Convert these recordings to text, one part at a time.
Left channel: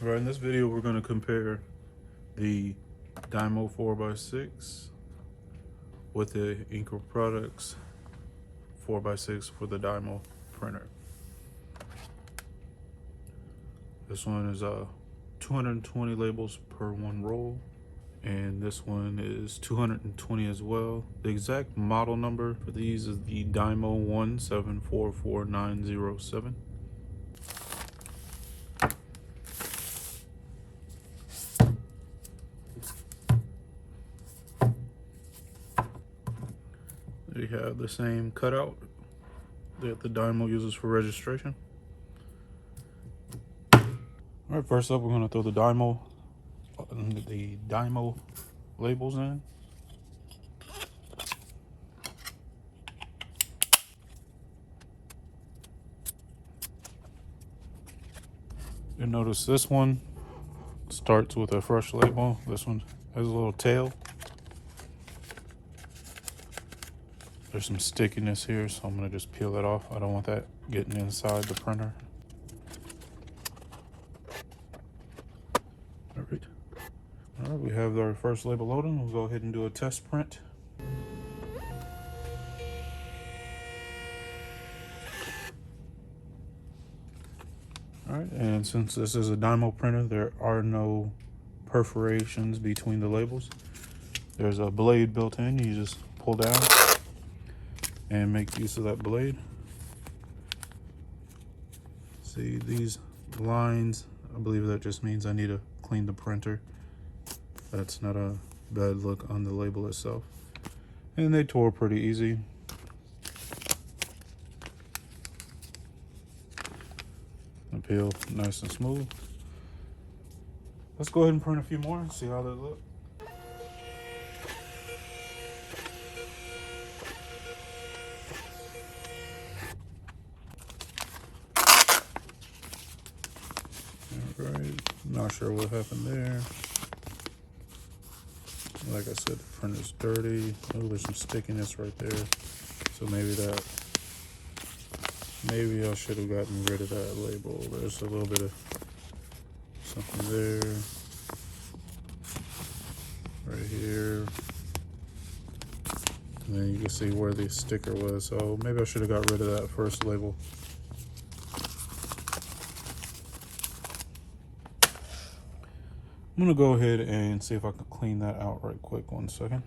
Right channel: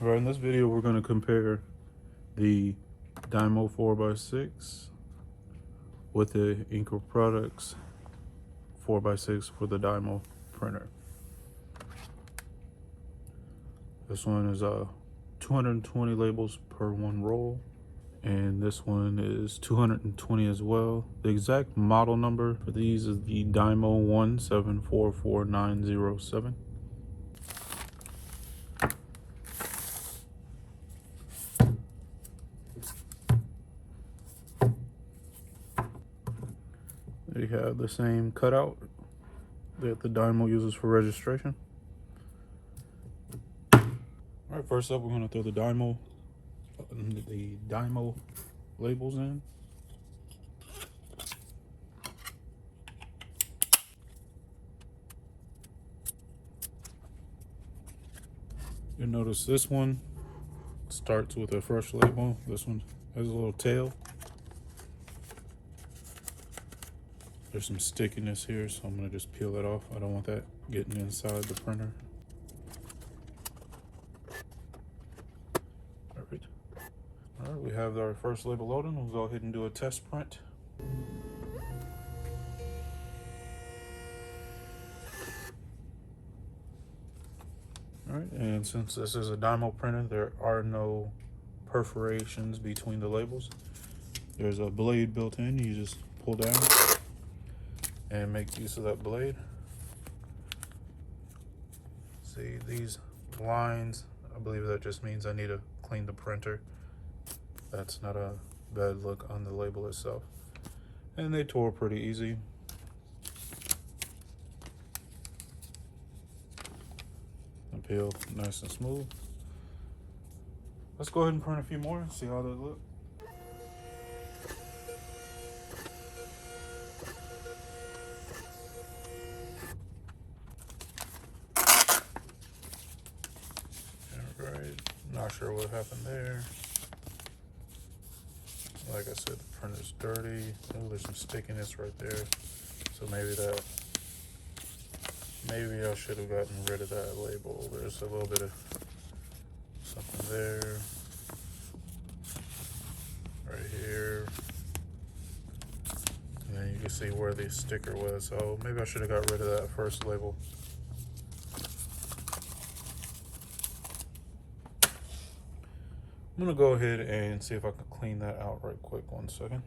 All right, in this video, we're going to compare the DYMO 4x6 with the enKo Products 4x6 for the DYMO printer. This one is 220 labels per one roll, and this one is 220 as well. The exact model number for these is the DYMO 1744907. They have the same cutout that the DYMO uses for registration. All right, first up, we're going to throw the DYMO labels in. You'll notice this one starts with a fresh label. This one has a little tail. There's some stickiness here, so I'm gonna just peel it off. I don't want that getting inside the printer. All right, we have our first label loading. We'll go ahead and do a test print. All right, and since this is a DYMO printer, there are no perforations between the labels. There's a blade built in. You just pull down and make use of that blade. See these lines? I believe that just means I need to clean the printer. That's not a bad look on the label itself. And they tore pretty easy. The peel nice and smooth. Let's go ahead and print a few more and see how they look. Not sure what happened there. Like I said, the printer's dirty. Oh, there's some stickiness right there. So maybe I should have gotten rid of that label. There's a little bit of something there. Right here. And then you can see where the sticker was. So maybe I should have got rid of that first label. I'm gonna go ahead and see if I can clean that out right quick. 1 second.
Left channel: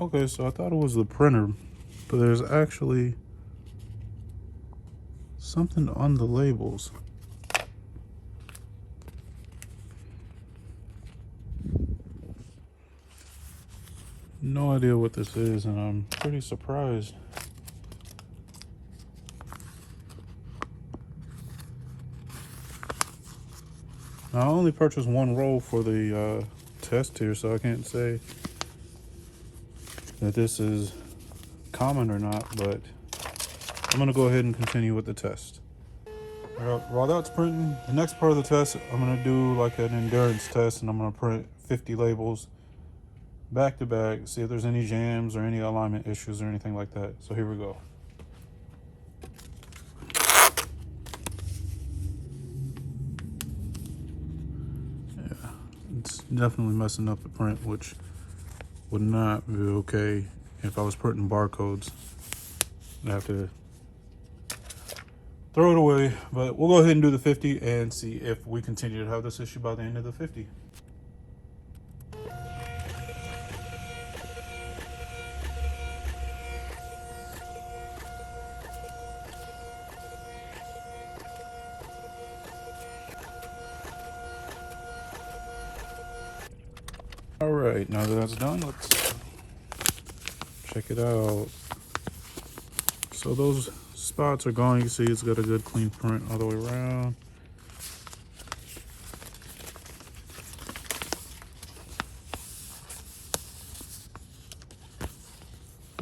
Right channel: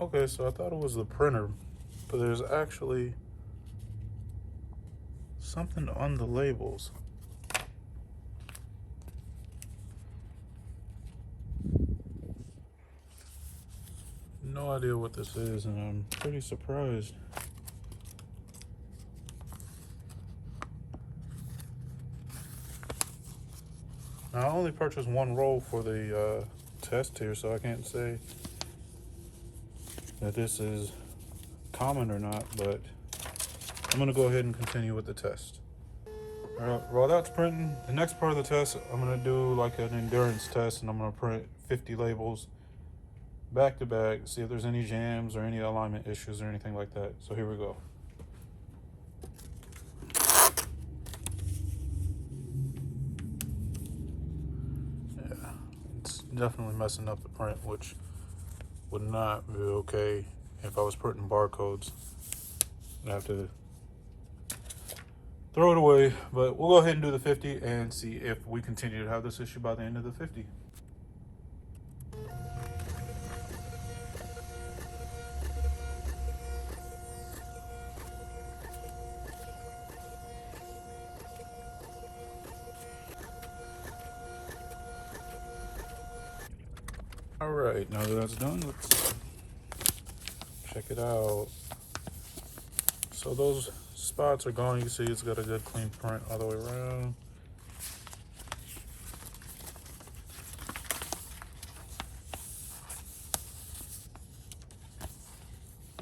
Okay, so I thought it was the printer, but there's actually something on the labels. No idea what this is, and I'm pretty surprised. Now, I only purchased one roll for the test here, so I can't say that this is common or not, but I'm gonna go ahead and continue with the test. While that's printing, the next part of the test, I'm gonna do like an endurance test, and I'm gonna print 50 labels back to back, see if there's any jams or any alignment issues or anything like that. So here we go. Yeah, it's definitely messing up the print, which would not be okay if I was printing barcodes. I'd have to throw it away, but we'll go ahead and do the 50 and see if we continue to have this issue by the end of the 50. All right, now that that's done, let's Check it out. So those spots are gone. You can see it's got a good clean print all the way around.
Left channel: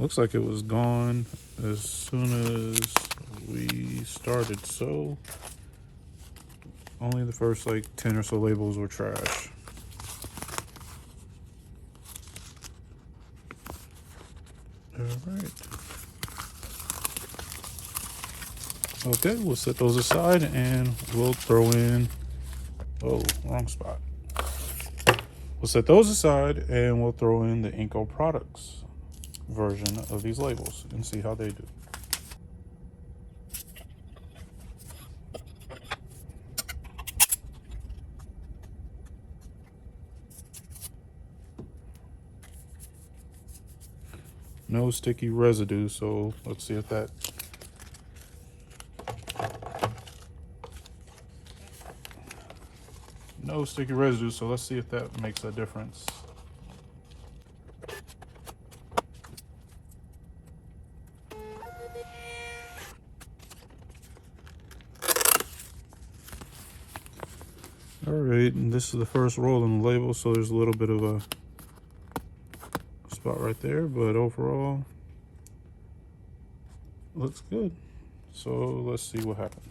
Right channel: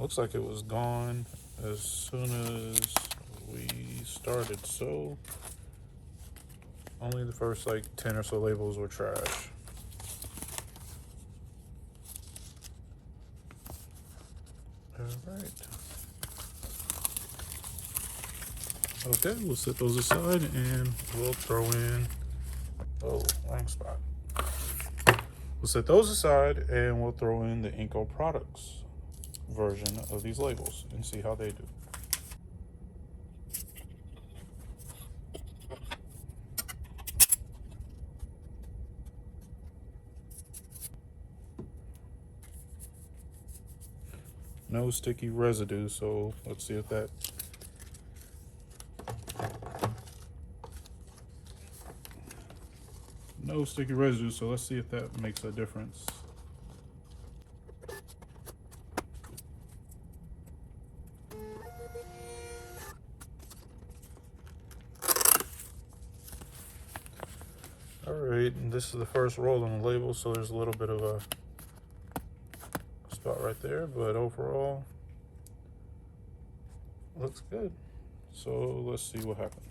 Looks like it was gone as soon as we started, so only the first like 10 or so labels were trash. Alright. Okay, we'll set those aside and we'll throw in, oh, wrong spot. We'll set those aside and we'll throw in the enKo products version of these labels and see how they do. No sticky residue, so let's see if that no sticky residue, so let's see if that makes a difference. Alright, and this is the first roll in the label, so there's a little bit of a spot right there, but overall looks good. So let's see what happens.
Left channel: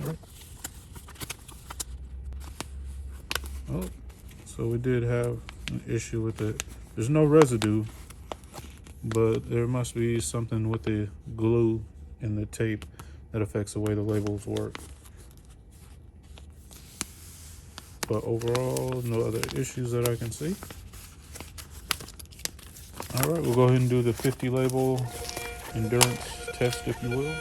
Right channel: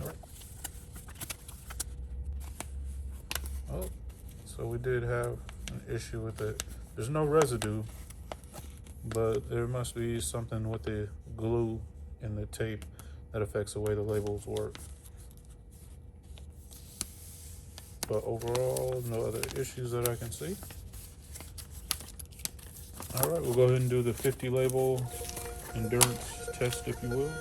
Alright. Oh, so we did have an issue with it. There's no residue, but there must be something with the glue in the tape that affects the way the labels work. But overall, no other issues that I can see. All right, we'll go ahead and do the 50 label endurance test, if you will.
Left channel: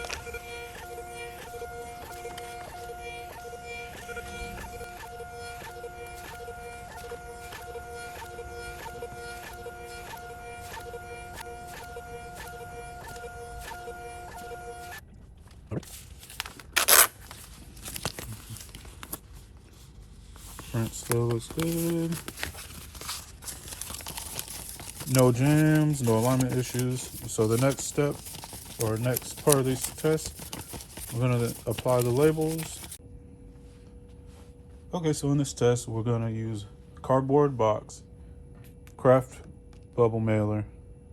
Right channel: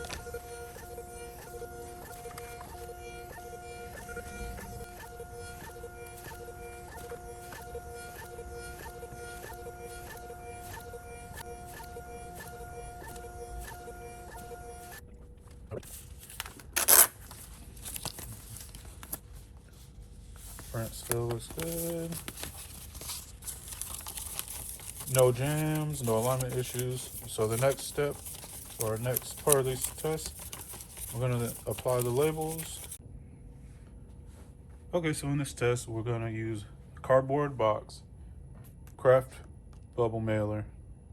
Front still looks good. No jams, no alignment issues. So the next step, or next part of these tests, we're gonna apply the labels. Okay, so in this test, we're gonna use cardboard box, craft bubble mailer,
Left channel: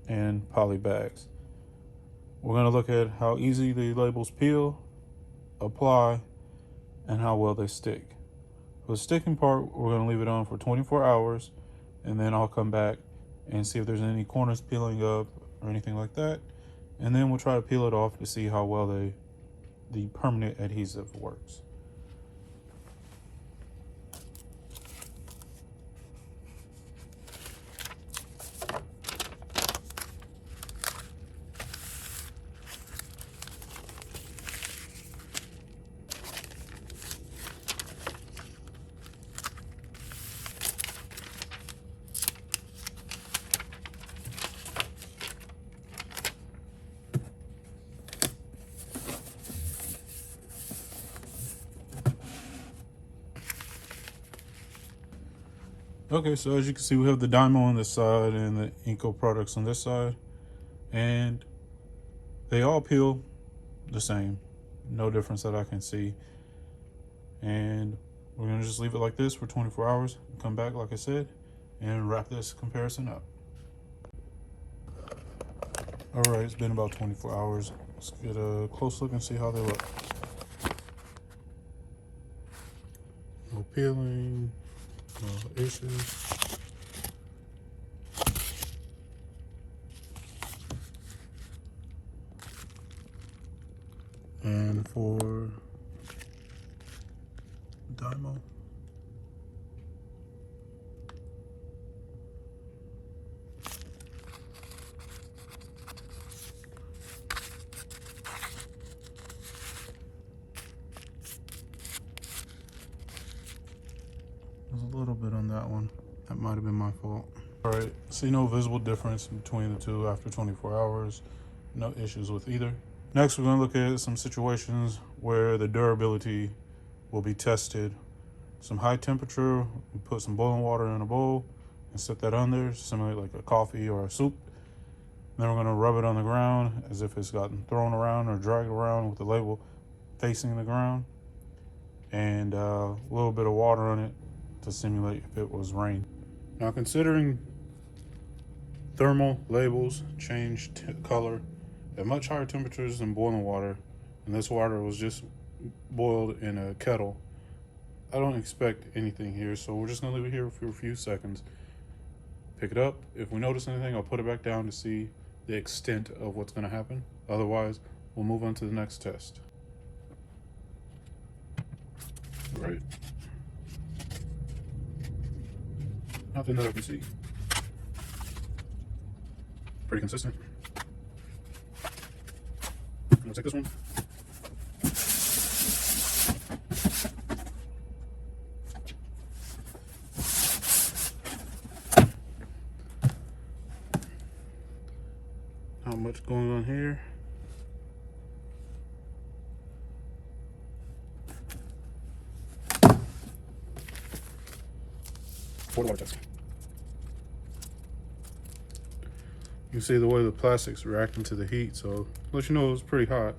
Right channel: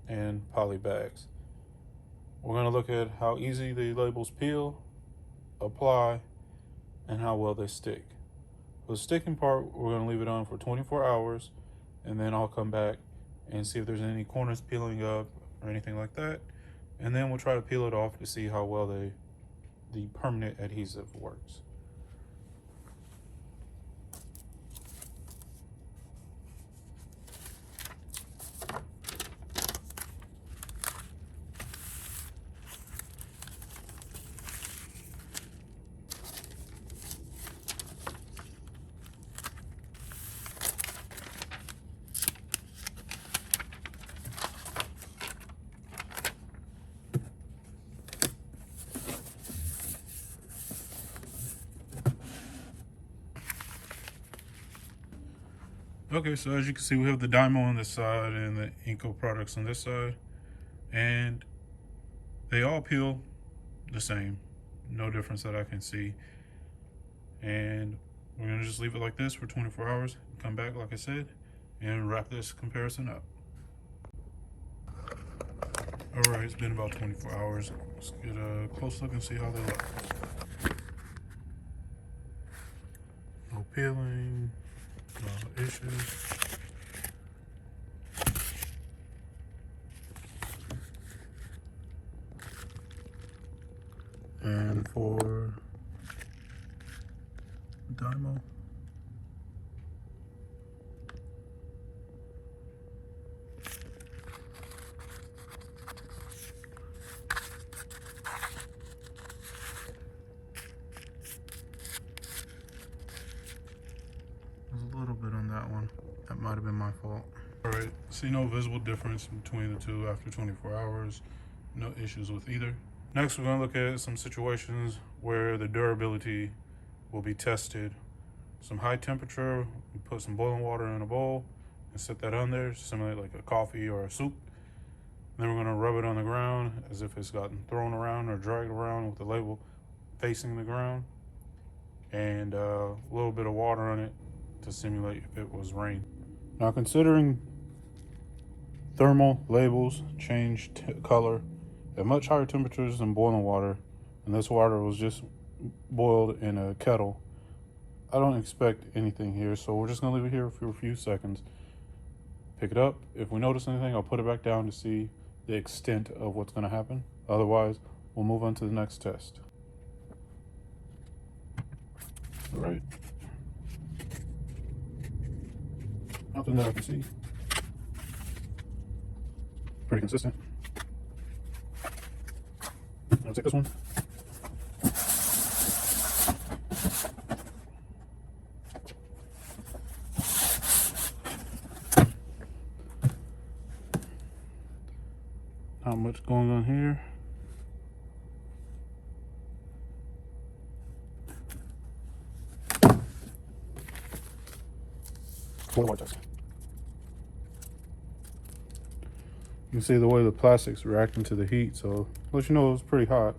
and poly bags. We're gonna look at how easy the labels peel, apply, and how well they stick. For the sticking part, we're gonna leave it on for 24 hours, and then I'll come back and see if there's any corners peeling up or anything like that. And then we'll try to peel it off to see how well the permanent adhesive works. Okay, so as you can see, we have the DYMO on this side and the enKo products on this side, and they all peel the same, no difference that I can see. And we're gonna just leave it like this for 24 hours, come back like I said, and wrap this comparison up. All right, it's been about 24 hours. Let's get a close look and see how they look. No peeling, no issues. And for DYMO, there's a little bit on that one. That might have been my fault. All right, see no visible difference between the two after 24 hours. No issues with either. Next, we're going to look at some situations where the durability will be tested. Some high temperature, we put some boiling water in a bowl and set that on there, simulate like a coffee or a soup. Then we're going to rub it on the ground as if it's gotten thrown around or dragged around with the label facing the ground, and a little bit of water on it to simulate if it was rain. Now, considering thermal labels change color at much higher temperatures than boiling water, and this water was just boiled in a kettle, I don't expect anything here, so we're just gonna leave it here for a few seconds. Pick it up. If we notice anything, I'll put it back down to see the extent of what's gonna happen. Otherwise, we'll move on to the next test. All right. Nothing that I can see. Pretty consistent. I'll take this one. Not much going on here. More water test. You can see the way the plastic's reacting to the heat, so let you know it's pretty hot.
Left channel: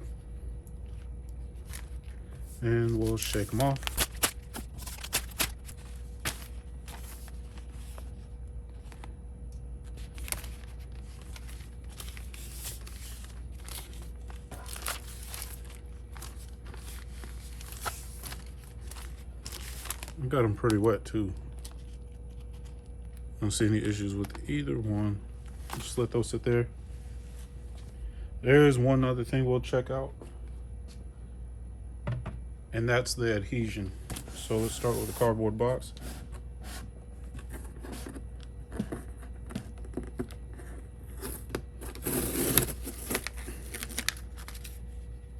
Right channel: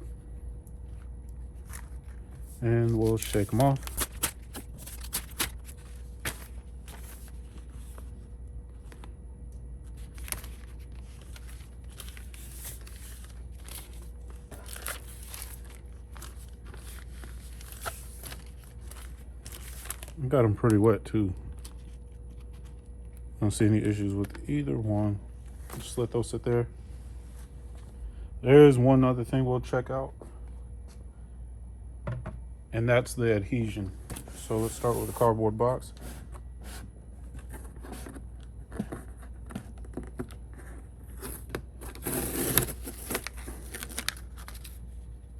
And we'll shake them off. I got them pretty wet too. I don't see any issues with either one. Just let those sit there. There's one other thing we'll check out, and that's the adhesion. So let's start with a cardboard box.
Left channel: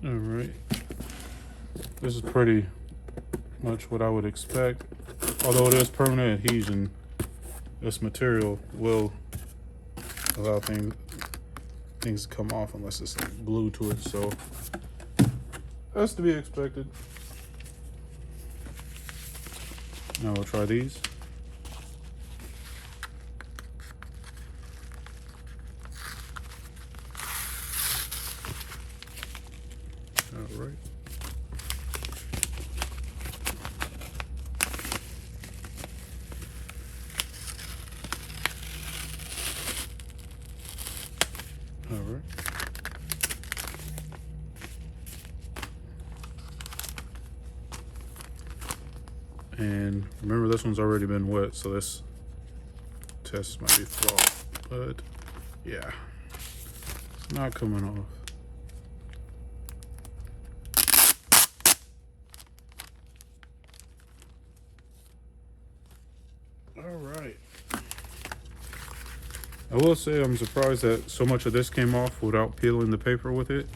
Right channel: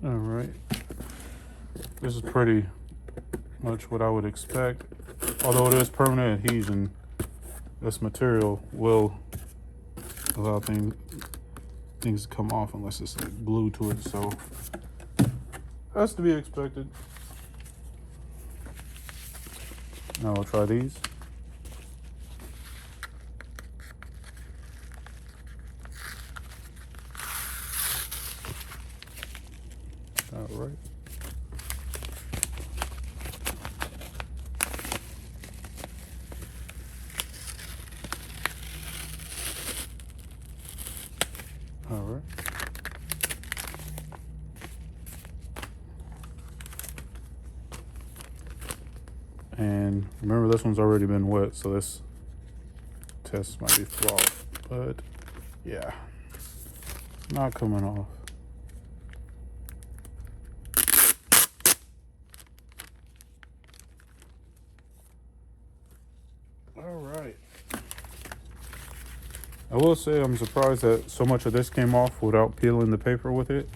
All right, this is pretty much what I would expect. Although it is permanent adhesion, this material will allow things to come off unless it's like glued to it, so that's to be expected. Now I'll try these. All right. All right. And remember, this one's already been wet, so this test might be flawed. But yeah, it's not coming off. All right. I will say I'm surprised that so much of this came off without peeling the paper with it.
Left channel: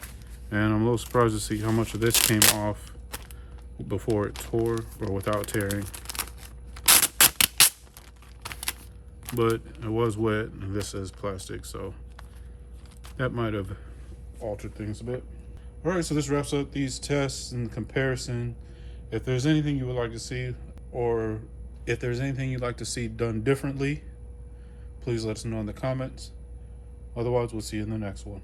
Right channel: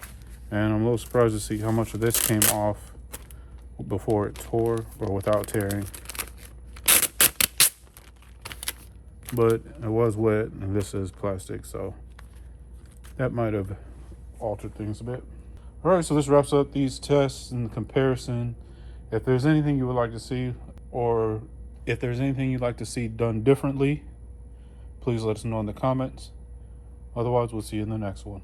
And I'm a little surprised to see how much of this came off before it tore or without tearing. But it was wet and this is plastic, so that might have altered things a bit. All right, so this wraps up these tests and the comparison. If there's anything you would like to see, or if there's anything you'd like to see done differently, please let us know in the comments. Otherwise, we'll see you in the next one.